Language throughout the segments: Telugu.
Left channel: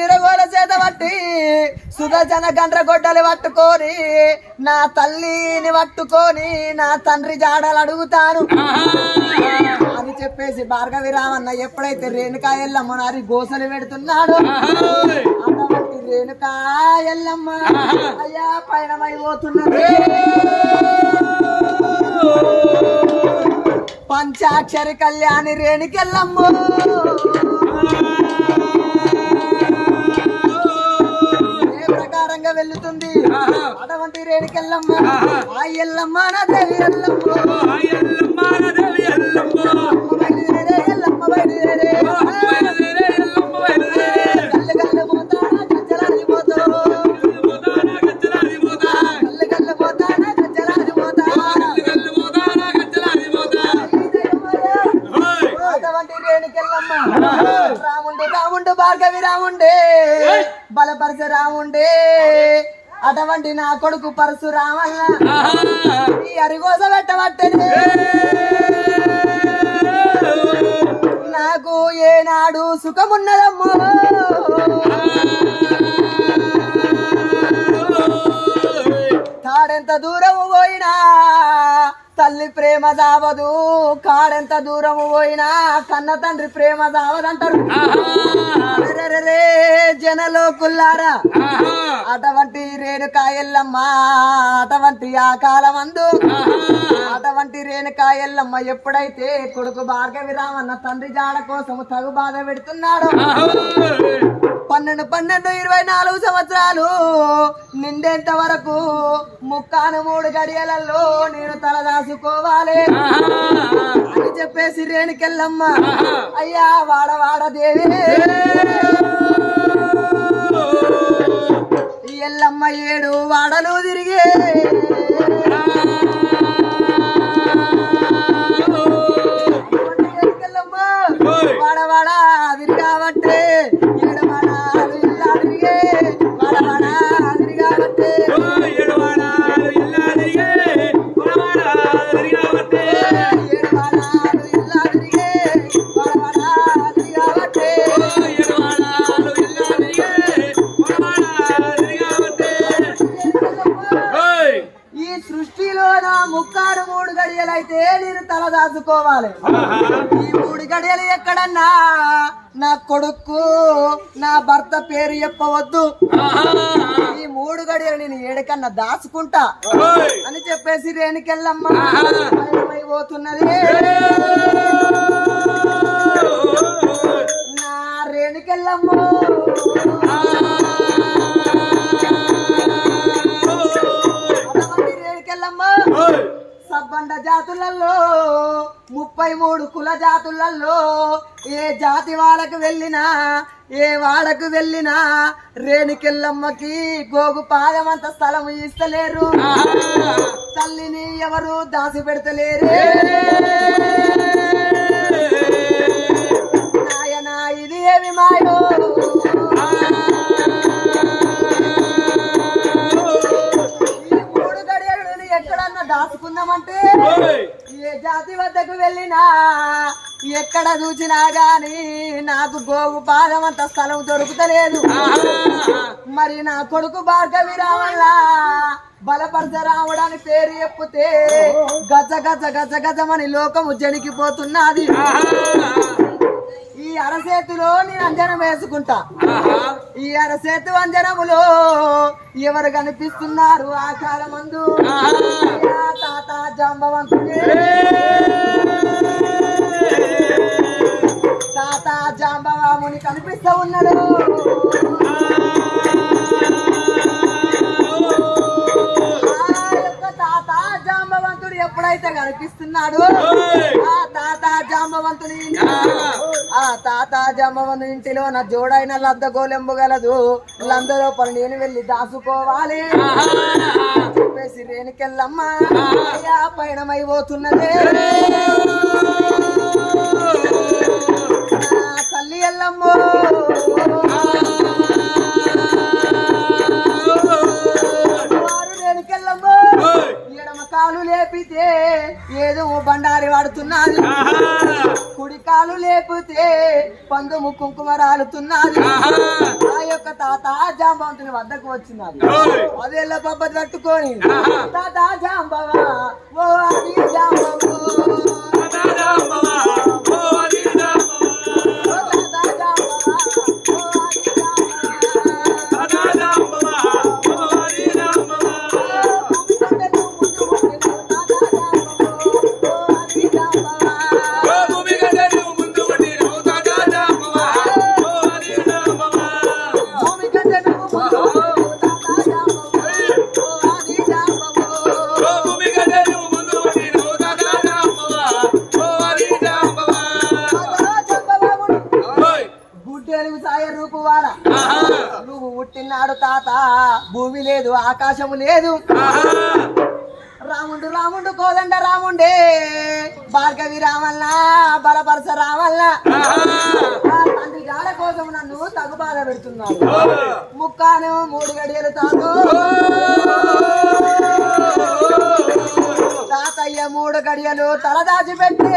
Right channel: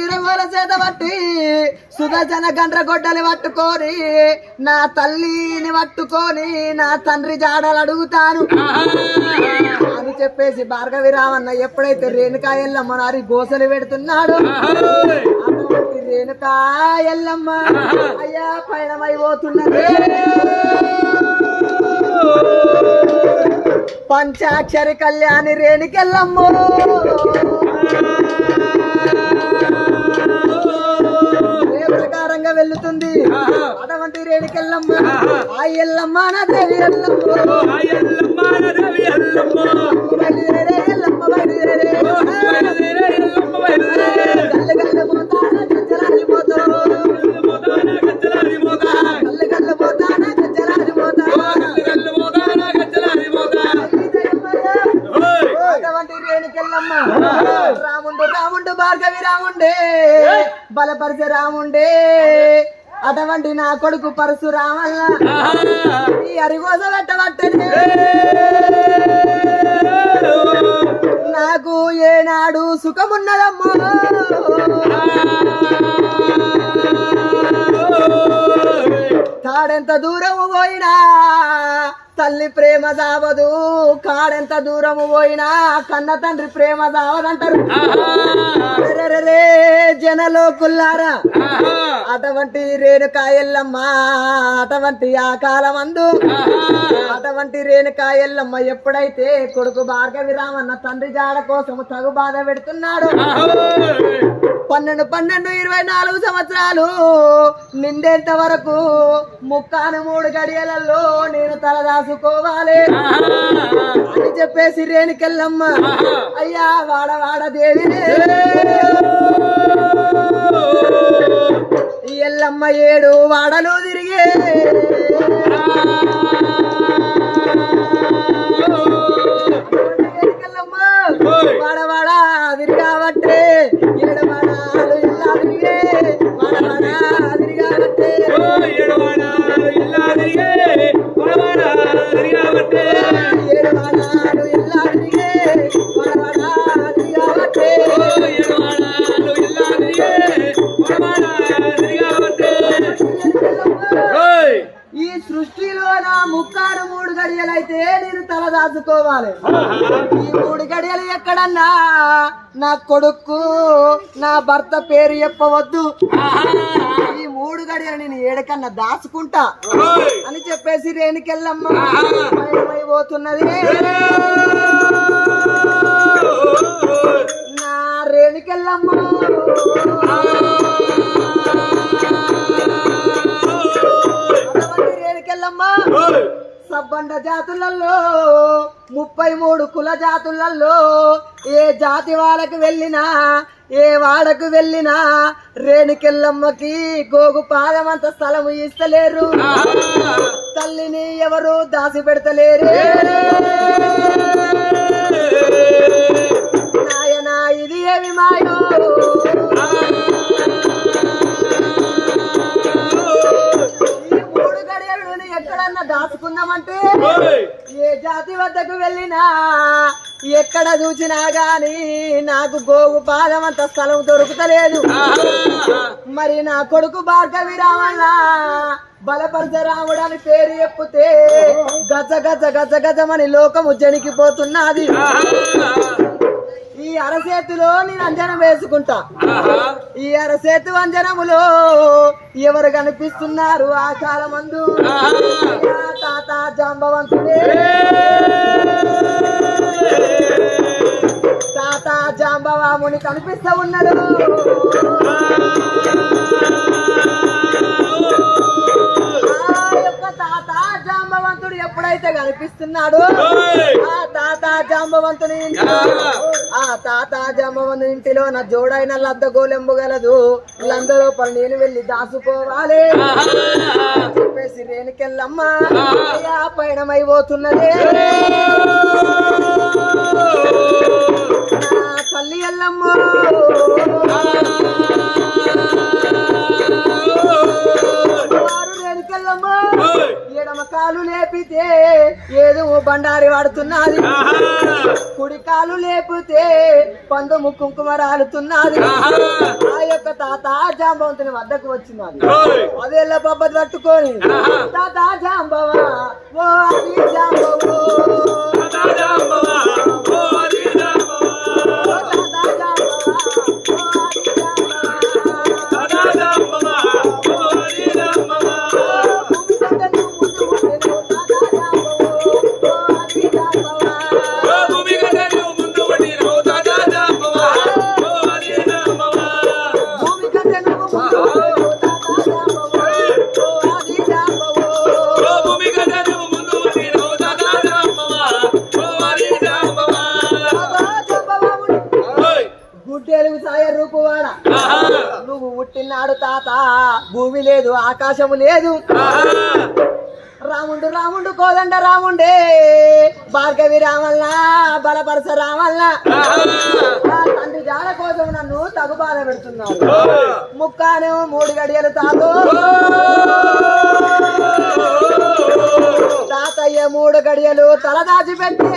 ఈరగోల చేత పట్టి సుగజన గండ్ర గొడ్డలు పట్టుకొని నా తల్లిని పట్టుకొని నా తండ్రి జాడలు అడుగుతాను. అని చెప్పేసి భార్గవి రామన్న ఎప్పుడైతే రేణుకా ఎల్లమ్మ నారి గోసలు పెడుతున్నాడు అటువంటి రేణుకా ఎల్లమ్మ అయ్యా పయనమైపోతున్నది పంచాక్షరి కళ్యాణి రేణుకెళ్ళమ్మ ప్రకారంగా వెళ్తుంది. అటువంటి రేణుకెళ్ళమ్మ ఆ ఎల్లమ్మ నా దేవి ఎల్లమ్మ. బలపరిచే రాముండే. అటువంటి నా కొడుకు పరశురామన్న ఈ అరిగోస పెట్టబట్టనే నాకు ఏనాడు సుఖమున్నదమ్మో. కాడెంత దూరము పోయినా తల్లి ప్రేమ దావదు. కాడెంత దూరము పోయినా కన్న తండ్రి ప్రేమ దావదంటారు. జనలో కుల్లారా అటువంటి రేణుకాయల్లమ్మ అటువంటి ఆ కాలమందు. అటువంటి రేణుకాయల్లమ్మ ఎప్పుడైతే కొడుకు భార్గవి రామన్న తండ్రి జాడ కోసం తగు బాధ పెడుతున్నాడు పన్నెండు పన్నెండు ఇరవై నాలుగు సంవత్సరాలు నిండేంత వరకు ముక్కాన మూడు గడియలలో నేను తలదాసుకోవాలి అని చెప్పేసి రేణుకెళ్ళమ్మ అయ్యా వాడ వాడ దేవి ఎల్లమ్మ ఏడు వాడలు తిరిగే. రేణుకెళ్ళమ్మ భర్త పేరు చెప్పవద్దు. ఈ మూడు గడియలు నేను ఏడకన్నా దాచుకుంటా. అని చెప్పేసి రేణుకెళ్ళమ్మ పయనమై పోతున్నది నా రేణుకెళ్ళమ్మ. సబ్బండ జాతులలో ముప్పై మూడు కుల జాతులలో ఏ జాతి వాళ్ళకు వెళ్ళినా ఏ వాడకు వెళ్ళినా రేణుకెళ్ళమ్మకి గోగు పాదమంత స్థలం ఇస్తలేరు. తల్లిని ఎవరు దాసి పెడతలేరు? దాచుకుందామంటే ఏ జాతి వద్దకు వెళ్ళినా ఎక్కడ చూసినా గాని నాకు గోగు పాదం అంత స్థలం దొరుకుతలేదు. మరి నా కొడుకు భార్గవి రామల్ల బలపరచరాముడు అని పేరు చెప్పుతే గజ గజ గజ గజమని లోకము జనికిపోతున్నది ఈ అరసేతులో నేను అంజనం వేసుకుంటా. ఈ అరసేతు అంజనములో ఎవరు కనిపిస్తున్నారు ఆ కాలమందు? తాత జాంబవంతుడే. తాత జాంబవాముని కనిపిస్తూ ఉన్నాడు. ఎప్పుడైతే కనిపిస్తున్నాడు ఆ తాత జాంబవంతుని ఆ తాత జాంబవంతుని ఇంటిలో నా జోడైన లద్ద గోలెంబు గలదు. లంద లోపల నేను వెళ్ళి దాచుకోవాలి. చెప్పేసి రేణుకెళ్ళమ్మ. అయ్యా బండారి వాడుతున్నది కుడి కాలు లేపితే పందుము కుంకుమ రాలుతున్నది. ఆ యొక్క తాత జాంబవంతుని వద్దకు వచ్చినది అదేళ్ళ పబ్బతి పట్టుకొని తాత జాంబవ ఓ అది జాంబవు. ఆకాశము లేదు. రాముండు రాముండు కోదండ రాముండే. భార్గవి రామల్ల బలపరస రామల్ల తండ్రి జాడ కోసం నన్ను తగు బాధ పెడుతున్నావు ముక్కాను మూడు గడియలు తాతో తాతయ్య మూడు గడియలు తల దాచిపెట్టి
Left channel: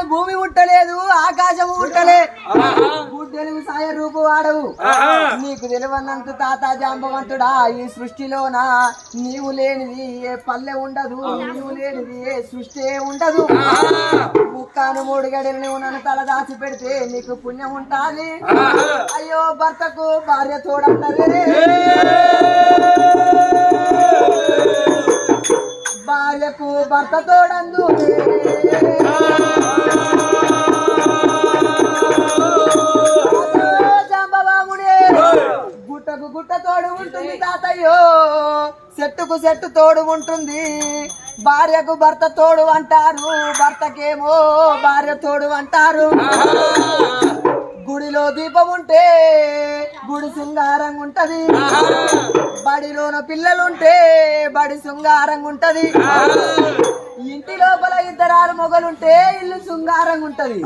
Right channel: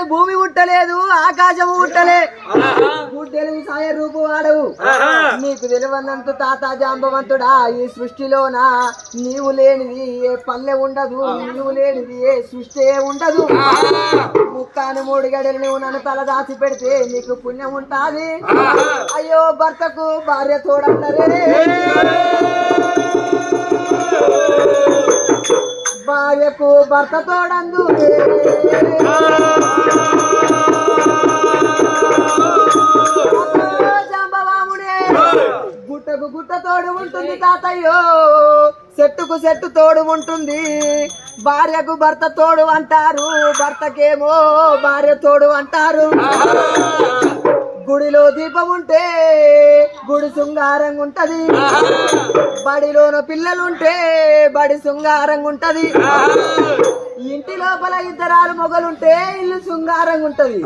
పుట్టినాడు భూమి పుట్టలేదు ఆకాశం గుడ్డెలు సాయ రూపు వాడవు. నీకు తెలివన్నంత తాత జాంబవంతుడా ఈ సృష్టిలోన నీవు లేనిది ఏ పల్లె ఉండదు నీవు లేనిది ఏ సృష్టి ఉండదు. ముక్కాను మూడు గడలు నువ్వు నన్ను తల దాచి పెడితే నీకు పుణ్యం ఉంటాది. అయ్యో భర్తకు భార్య తోడంటారే భార్యకు భర్త తోడందు తోడు ఉంటుంది తాతయ్యో. చెట్టుకు చెట్టు తోడు ఉంటుంది. భార్యకు భర్త తోడు అంటారు. భర్తకేమో భార్య తోడు అంటారు. గుడిలో దీపం ఉంటే గుడి శృంగారంగా ఉంటది. బడిలోన పిల్లలుంటే బడి శృంగారంగా ఉంటది. ఇంటి లోపల ఇద్దరాలు మొగలుంటే ఇల్లు శృంగారంగా ఉంటది.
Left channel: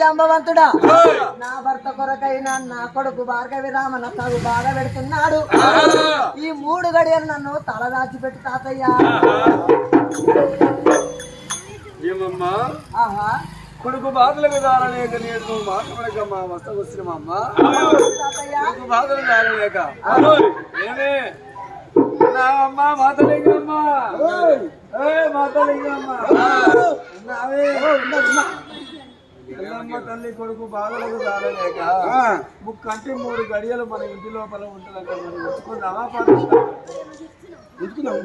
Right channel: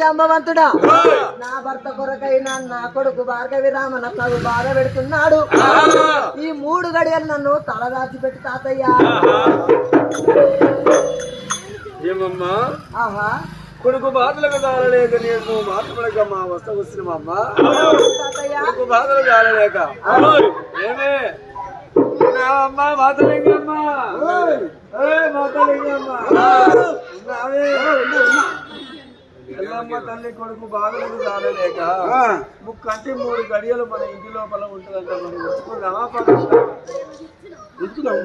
జంబవంతుడా నా భర్త కొరకైనా నా కొడుకు భార్గవి రామన తగు బాధ పెడుతున్నాడు. ఈ మూడు గడియలు నన్ను తలదాచి పెట్టి తాతయ్య. ఆహా. కొడుకు బాధలకు తాళలేక నీకు మాట్లాడకమ్మా వస్త వచ్చినమ్మా తాతయ్య. కొడుకు బాధలు ఏమే? నా అమ్మ మాతలింగమ్మ? ఎల్లమ్మ తల్లి కొడుకు బాధలకు తాళలేక ముక్కంటి మూడు గడియలు మన ఇంటి లోపల ఉంటుందంట మనం ఉంచుకుందామా ఉంచుకుందాం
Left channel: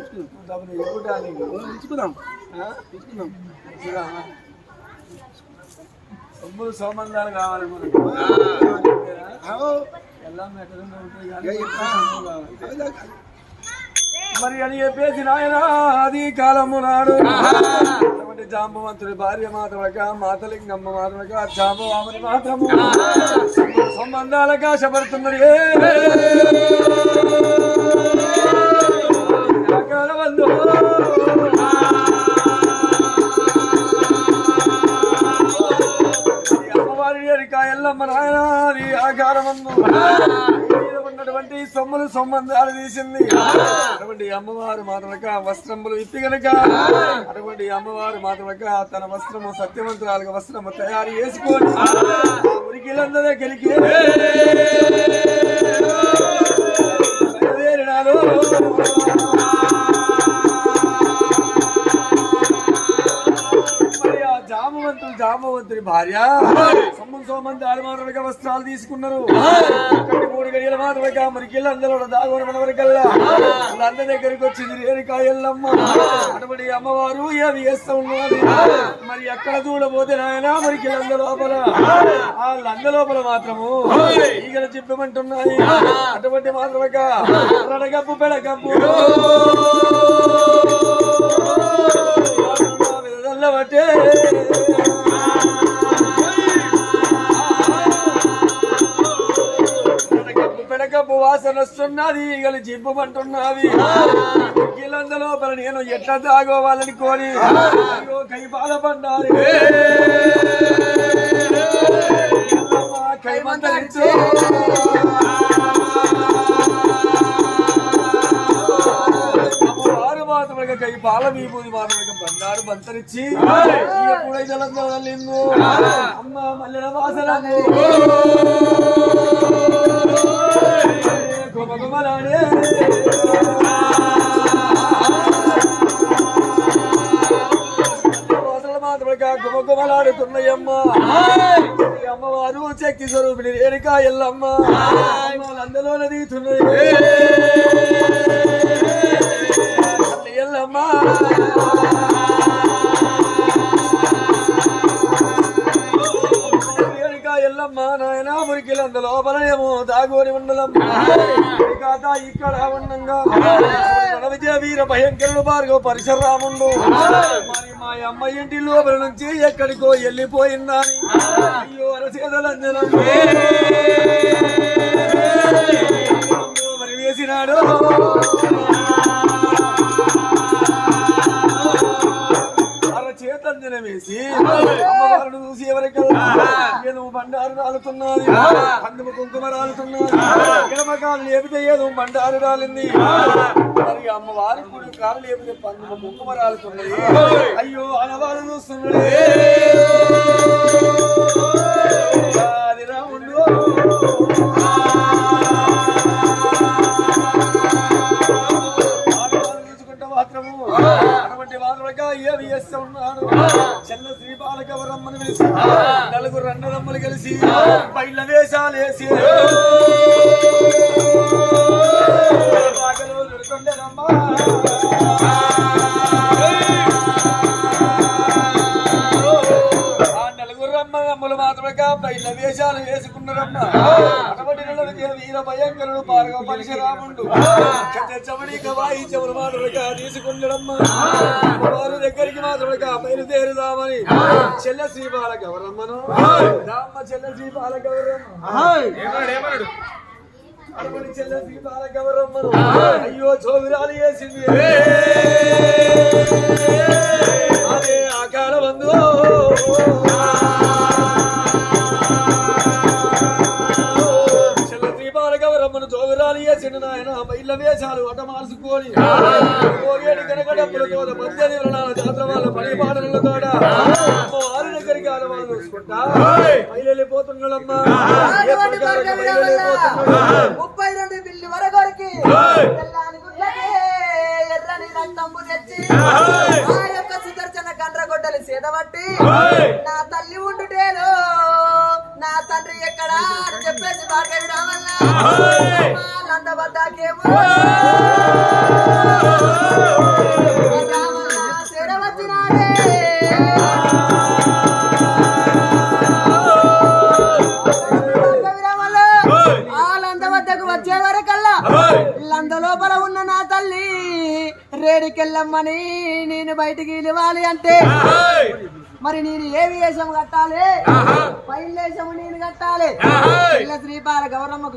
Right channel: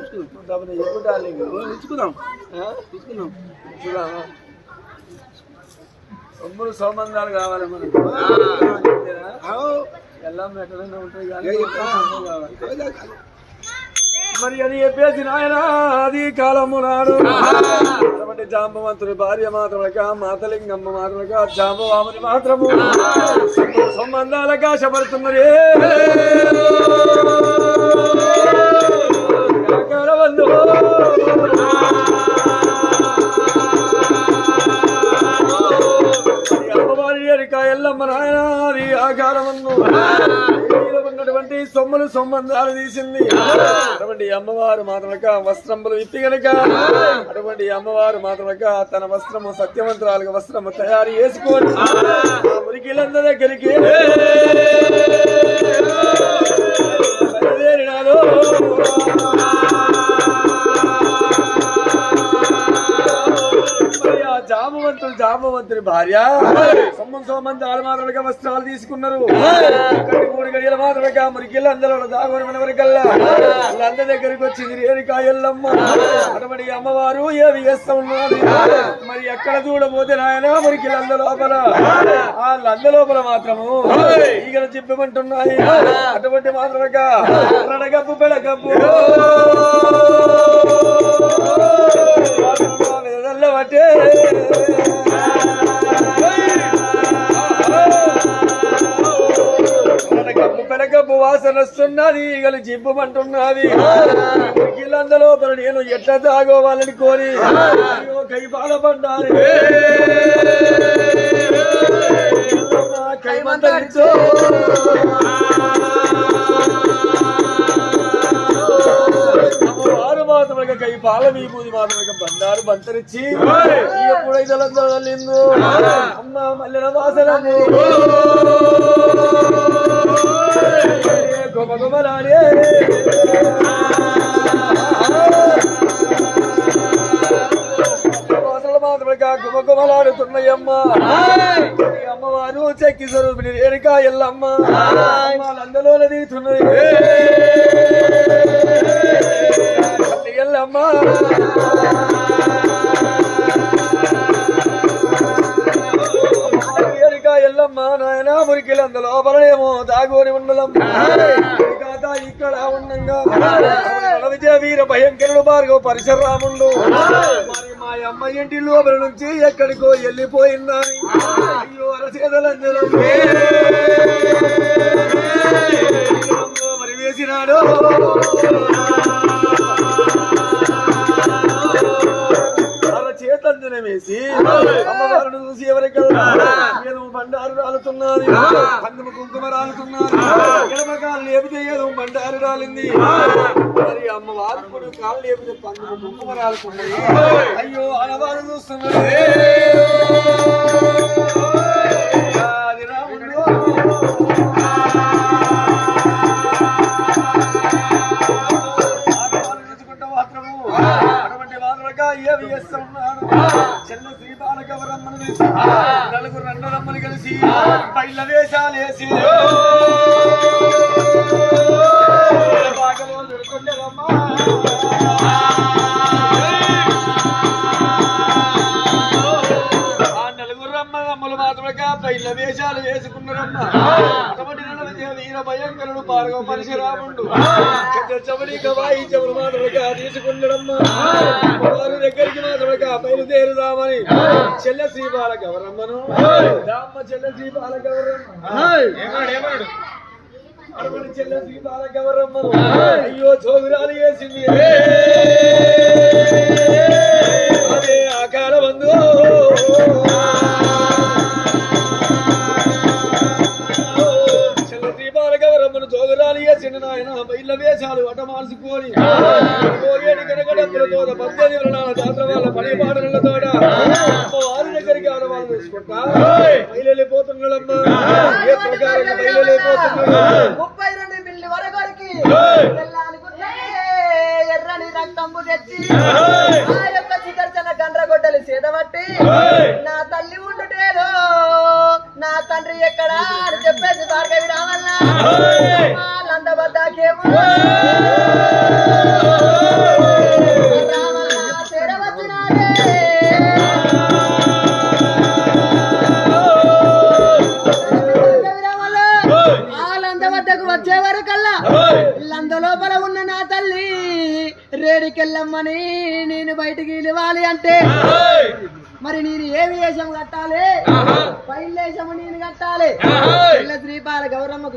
కావాలి మనకు ఎల్లం ఎక్కడైనా ఉంటాయి మరి అది చెప్పేసి నాయన అది కాలము నాడు. అటువంటి జాంబవంతుడి భార్య మాత్రమక మాతలింగమ్మ మాత్రమక జాంబవాముని మాత్రము. సంబంధాలకు ఆశపడుతున్నది ఎరిక ఎల్లమ్మ నాయన అది ఆకారమన్ను ఉన్నటువంటి సొమ్ములు సొమ్మందాలు తీసింది అటువంటి అమ్మవారు మాత్రమక వస్త్రములు ఇప్పి గనుక అటువంటి అమ్మవారు మాత్రమక తన వస్త్రము సత్యవంతురాలుగా వస్త్రము తయారు చేసుకొని ఆ మురికిలందరి దగ్గరికి. జామవంతుడు జామవంతుని భార్య. సొమ్మం సోమంది ఆరుమారులుగా వస్త్రాలు తీసుకున్నారు. మూడు గడియల మాత్రమే మురికి అందరూ దాగోని మనవరికల్లా. వాళ్ళందరి దగ్గరికి వచ్చింది రేణుకా ఎల్లమ్మ. అటువంటి అమ్మవారు ఏమి చేస్తా ఉన్నది మరి ఎక్కడ చూడబోతే నాయన మురికి లంద లోపల? ఆ లంద లోపల మాత్రము ఈగలు చెప్పమంటున్నాయి అటువంటి మాత్రమే రడగప్పు పెడగప్పు వస్తున్నది ఈగలు జిబ్బమంటున్నది. కిలంద లోపల నేను ఎట్లా తాగోవాలని కోరి కై బాధపడ్డాను కైమంతరించు. మాత్రమే కై పాల విభూతి మాత్రమే బండారు బంతరిచ్చి ఇక పుడైదలందరూ తల్లిందు అమ్మ మల్లెల వాసనము. ఈ అమ్మవారు చెక్కి స్వరూపిణి రేణుకా ఎల్లమ్మ. వాళ్ళందరూ నదీతున్నాయి ఎల్లమ్మ. రేణుకా నాయన మురికిలంద లోపలనేమో దాగోని ఉన్నదమ్మ కాదా ఇక్కడ ఉండగా విజయ వీర భయంకరుడు భార్గవ పరిశరాముండు మరి మా అమ్మ ఇంటి లోపల నుంచి ఎక్కడికో వెళ్ళిపోయిందా అయ్యో అరచేదలంజనం మరి వేసినాడు వేసి అమ్మవారిని చూసి ఎవరికల్లా నేను బండారు రాలుతున్నది. అందుము కుంకుమ రాలుతున్నది. ఎడమ కాలు లేపితే ఏదో బండారు రాలింది. మరి అమ్మవారు కూడా కాలు లేపితే పందుము కుంకుమ రాలుతున్నది. అయ్యో అనవారు చూస్తున్నది అది రాముడు మాత్రముగా ఏమి చేస్తూ ఉన్నారు చెల్ల పిలిచి నలుగురు అన్నదమ్మలు కలిసి బయల వేషాలు వేసి. బాగలో ఆ నలుగురు అమ్మలు మాత్రమే బయల వేషాలు వేసుకున్నారమ్మ. అటువంటి వీర భయంకరుడు పార్గవ పరశురాముడు. చెమడి గవాయి చెవులు మాత్రమే తీసుకున్నాడమ్మా వారు దగ్గరికి మాత్రమే బయలుదేరుదామని. చెల్ల శ్రీపాల గౌరమ్మను. రామ్మ చెల్ల శ్రీపాల గౌరమ్మ అటువంటి చెల్ల శ్రీపాల గౌరమ్మను. అయ్యో చోగురాలు వేసింది. అదే ఆకార బంధు బయల వేషాలు అట మార్చుకొని పోయేడు కనకడప్పులతో పద్దెనిమిది జాతర వాళ్ళ పని పాటలతో వారి దగ్గరికి ఆడవాళ్ళు చూసుకుంటా బయలుపోతున్నాడమ్మా ఏ ప్రకారంగా బయలుపోతున్నాడు ముప్పై రెండు బిల్లి ఎర్రని తెచ్చి ఆ. యొక్క సుదర్శన గండ్రగొడ్డలి సేదబట్టి నా తల్లి ఉండుటేలో నా తండ్రి ఎక్కడా అని చెప్పేసి భార్గవి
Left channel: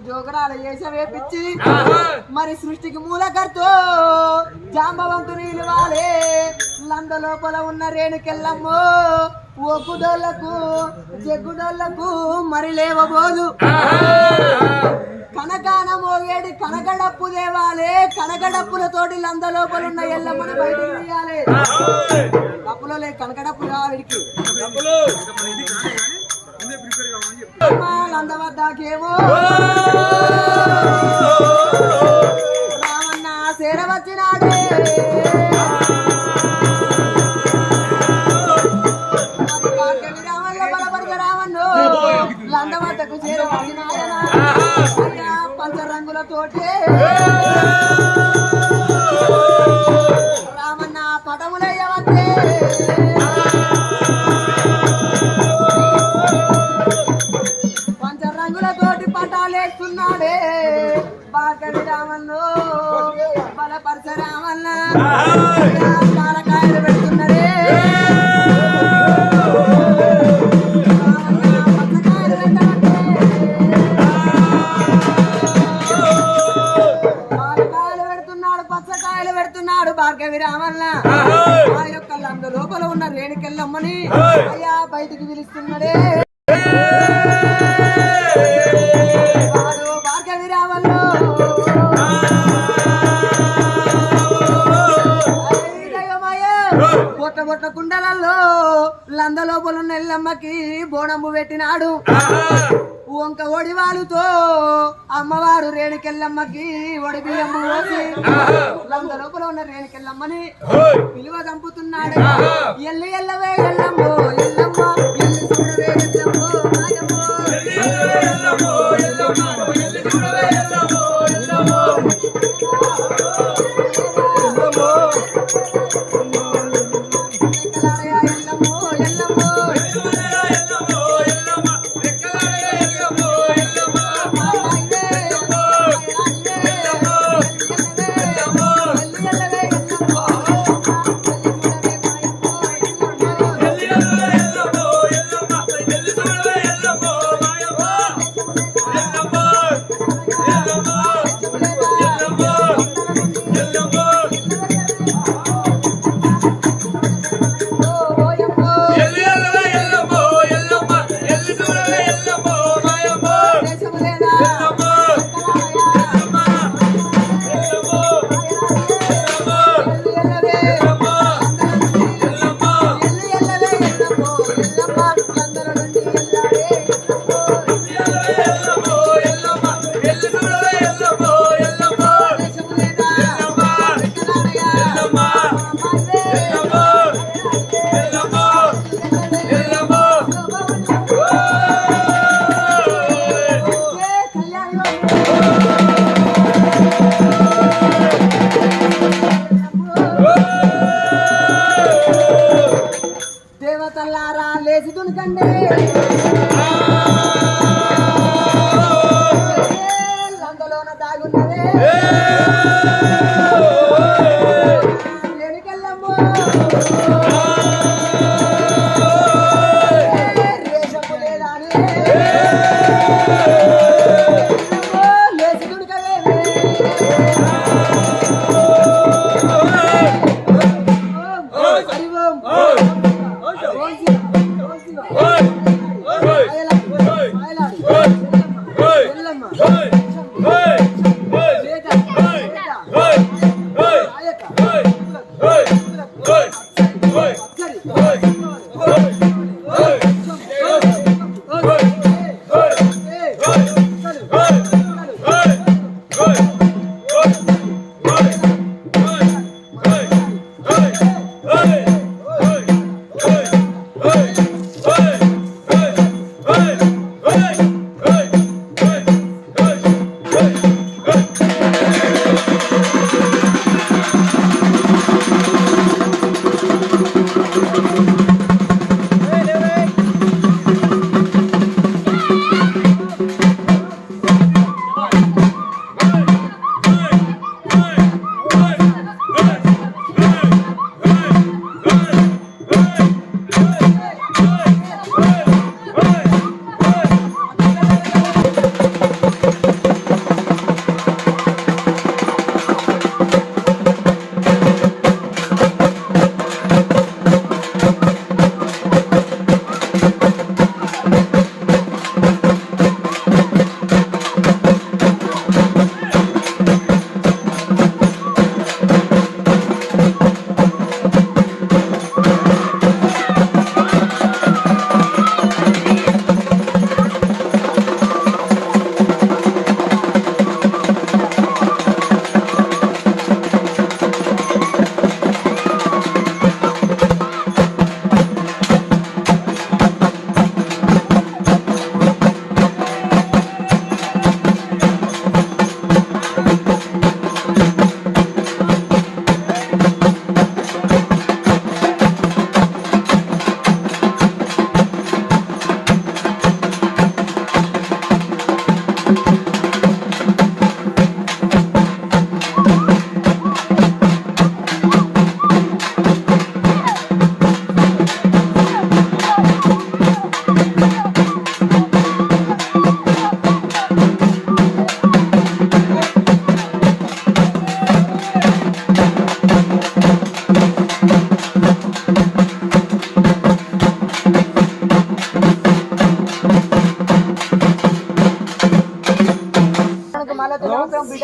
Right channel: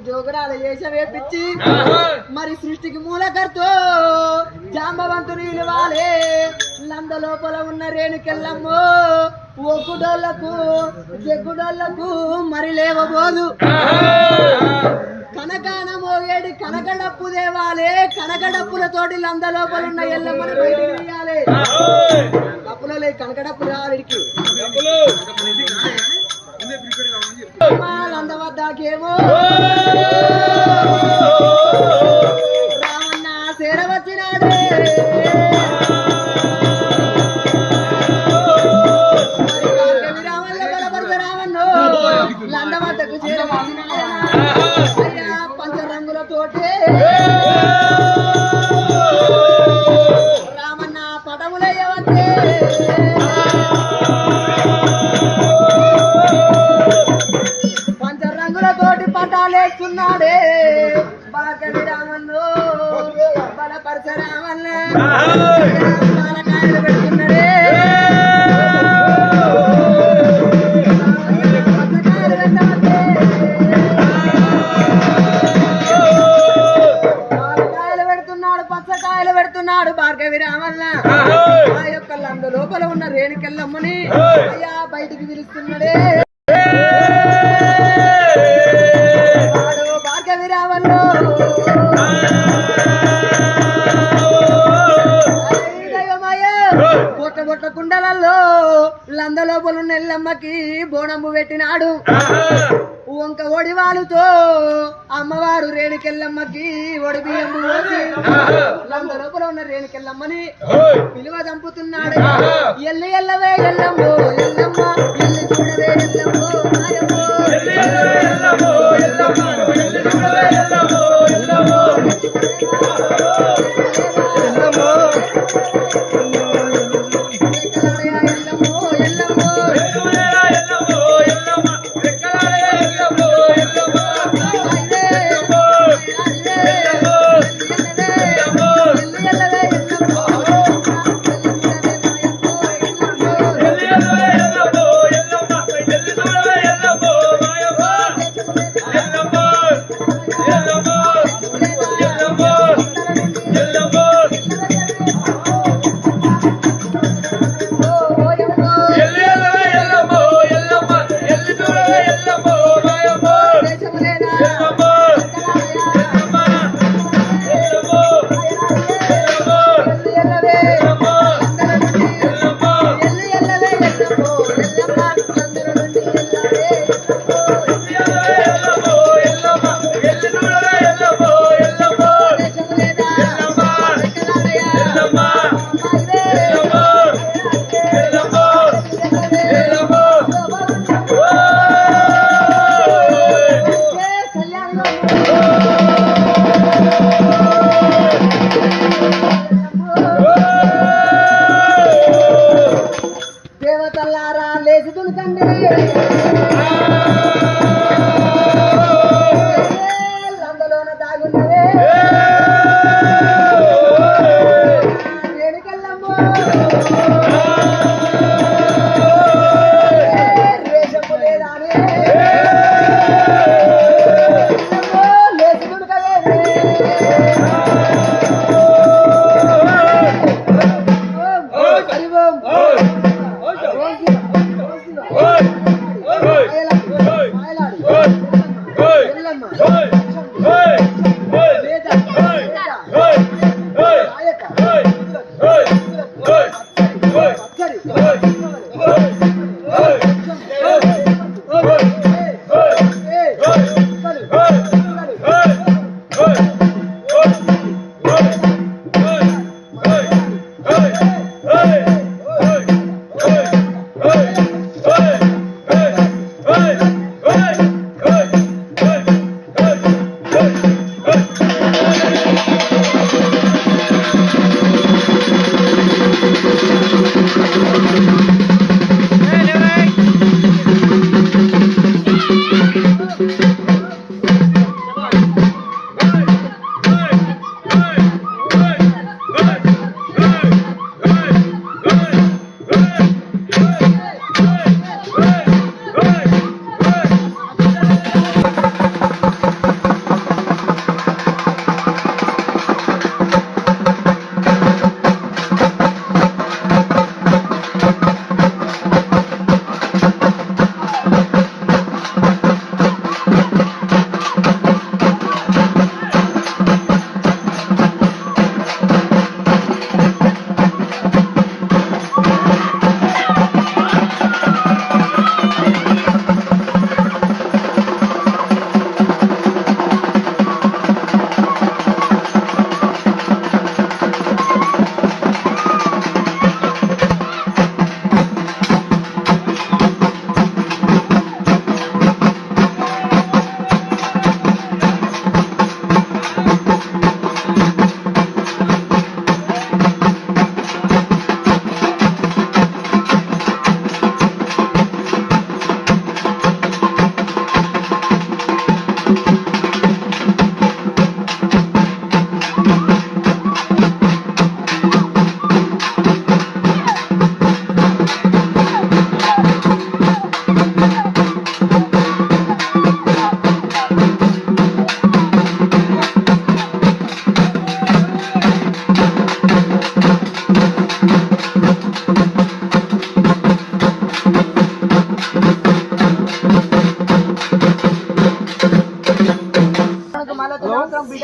జోగురాల వేషం వేపించి మరి సృష్టికి మూలకర్తో జాంబవంతుని ఇవ్వాలి లంద లోపల ఉన్న రేణుకెళ్ళమ్మో ఒక్కుడోళ్ళకు జగ్గుడోళ్ళకు మరి లేవబోదు. కనకాన మోగేడి కనకడప్పు దేవాలే కనకడప్పులతోటి లంద లోపల ఉన్న ఎల్లమ్మని బయటికి తీయాలి. డప్పులో లేదు కనకడప్పు రావాడికి లంద వద్దకేమో రామన్న సేర వచ్చినాడే మరి భార్గవి ఎల్లమ్మకి బోనమ్ము పెట్టినాడు. వంక ఒడివాలుతో అమ్మవారు రేణుకెళ్ళమ్మకి ఒడి బియ్యము పోసి లోపల ఉన్న రేణుకెళ్ళమ్మని పిలువ చంపుతున్నాడు. ఎల్లు ఎల్లవే ఎల్లమ్మో ఎల్లమ్మ ఎల్లు చూడవే ఎల్లమ్మో మాయమ్మో. ಬೇಕಾ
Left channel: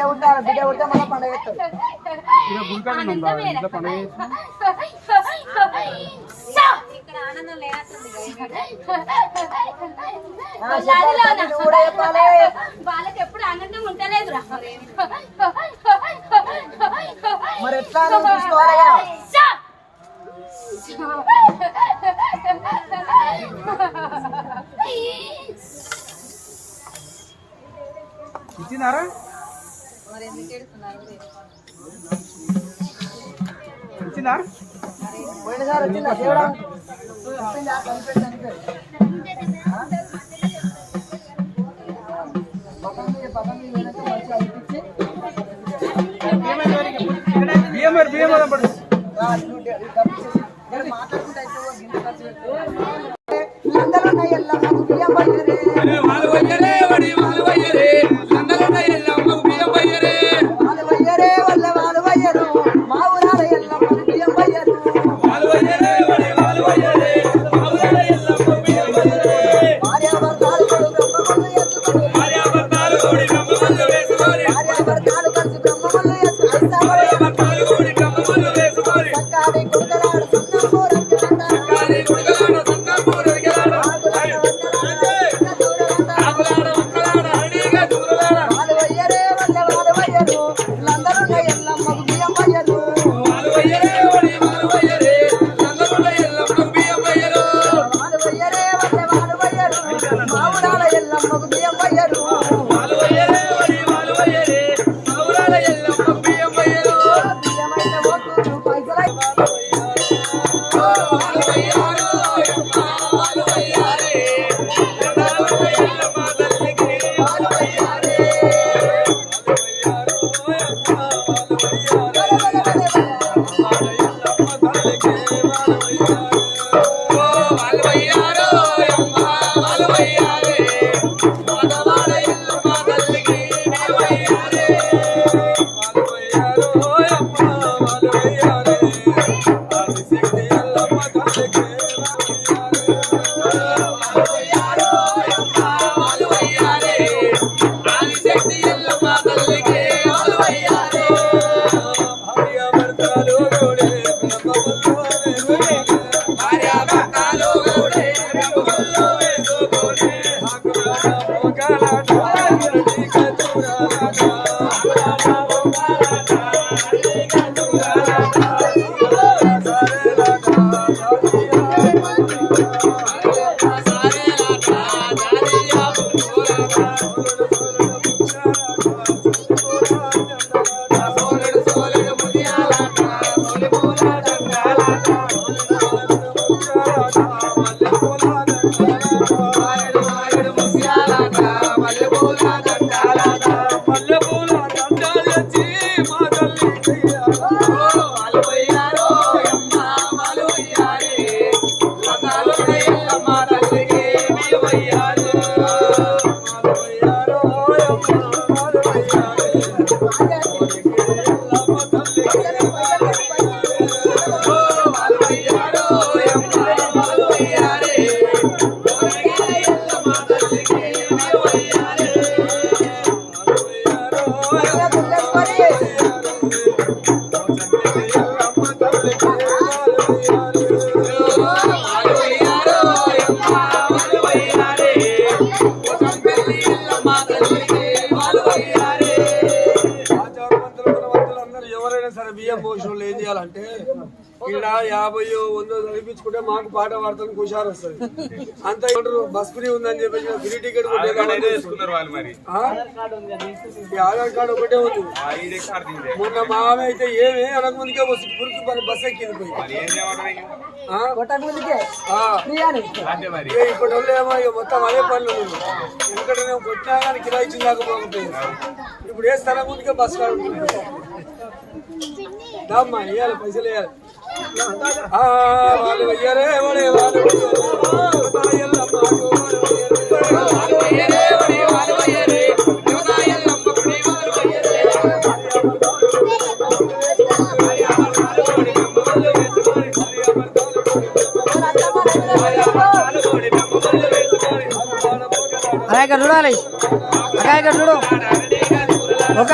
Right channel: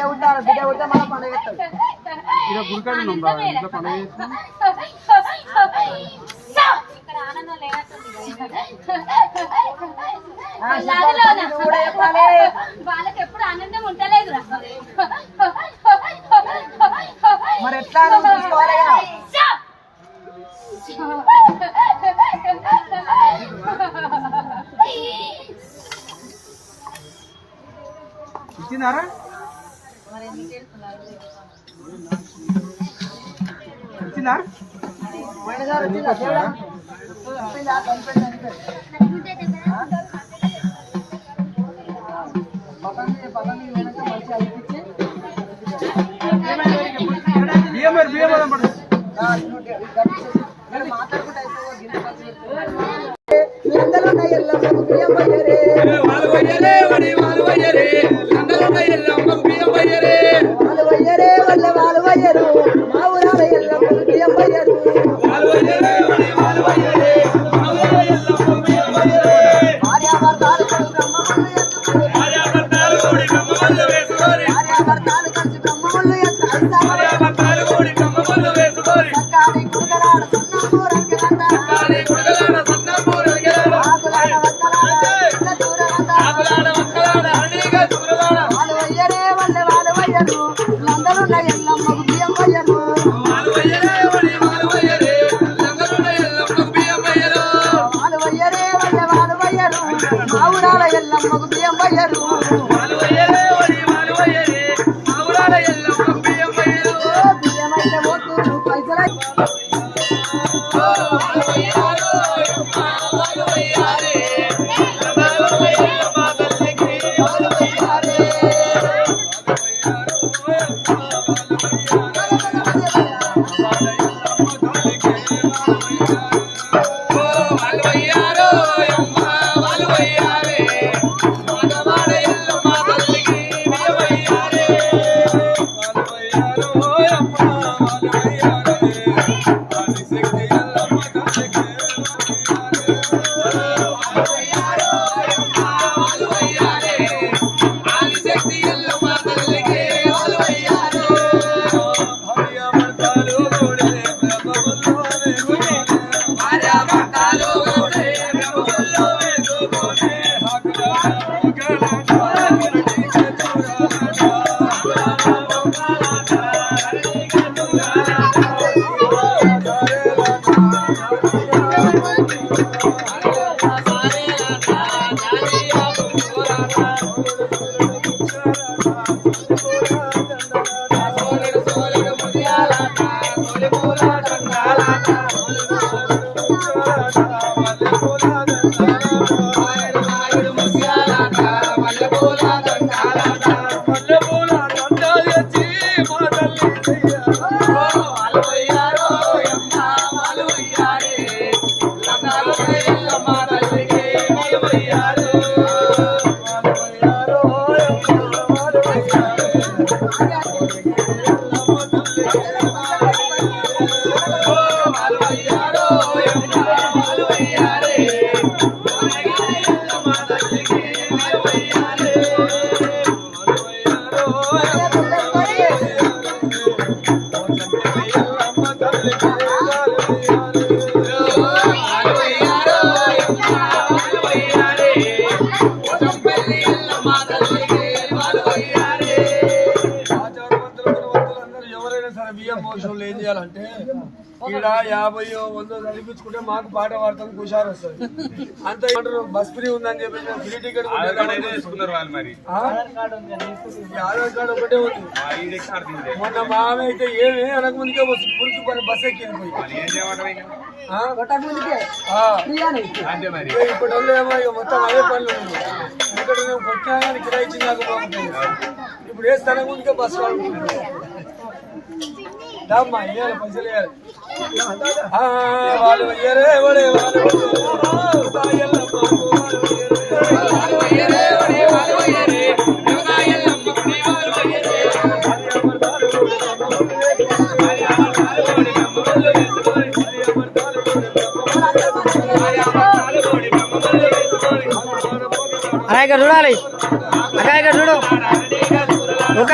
బిడ్డ ఉంటారు బిడ్డ ఉంటే మనం పండుగ వాళ్ళకి ఎప్పుడు ఆనందం ఉంటలేదురా మరి ఎట్లా నువ్వు చూసుకోవాలిగా ఇచ్చినారా వచ్చిందా? దేవుడా? వచ్చిందా? కనిపెట్టడానికి. ఆయన ఆయన ఇక్కడ యాభై వంద చదివించుకుంటే మాకు పాట పాడతాను కుషారు వస్తుంది. అంత ఏమంటారు? బస్ ఫ్రీ ఉందని చెప్పి ఫ్రీ టికెట్ వాళ్ళు ఆధార్ కార్డు ఒకటే ఉంది. మొన్న మా ఆమె అయితే ఏమి అనక ముందుకే బస్సు పురుగు పని బస్ ఎక్కింది పోయి మరి ఏం చేయమంటారు ఇక? ఆ? కొట్టక ముందుకే? ఆ. ప్రియాని అంతే మరి. ఇక ఇప్పటి వాళ్ళు ఏమో మొత్తం అదే పనులు ఉంది ఎందుకంటే మేము కొట్టినా కానీ కిరాయి ఇచ్చిందాక పోకపోయింది ఇప్పుడు ఏ స్థలం ముందుకే బస్సు వాడుకుంటుంది దామ్మా ఇవ్వాలి పైసలు ఇవ్వాలి ఆ, వాళ్ళు ఇయ్యరే వాళ్ళు అలా ఇక్కడ చూడాలి. అక్కడ ఇక్కడ చూడు. ఒక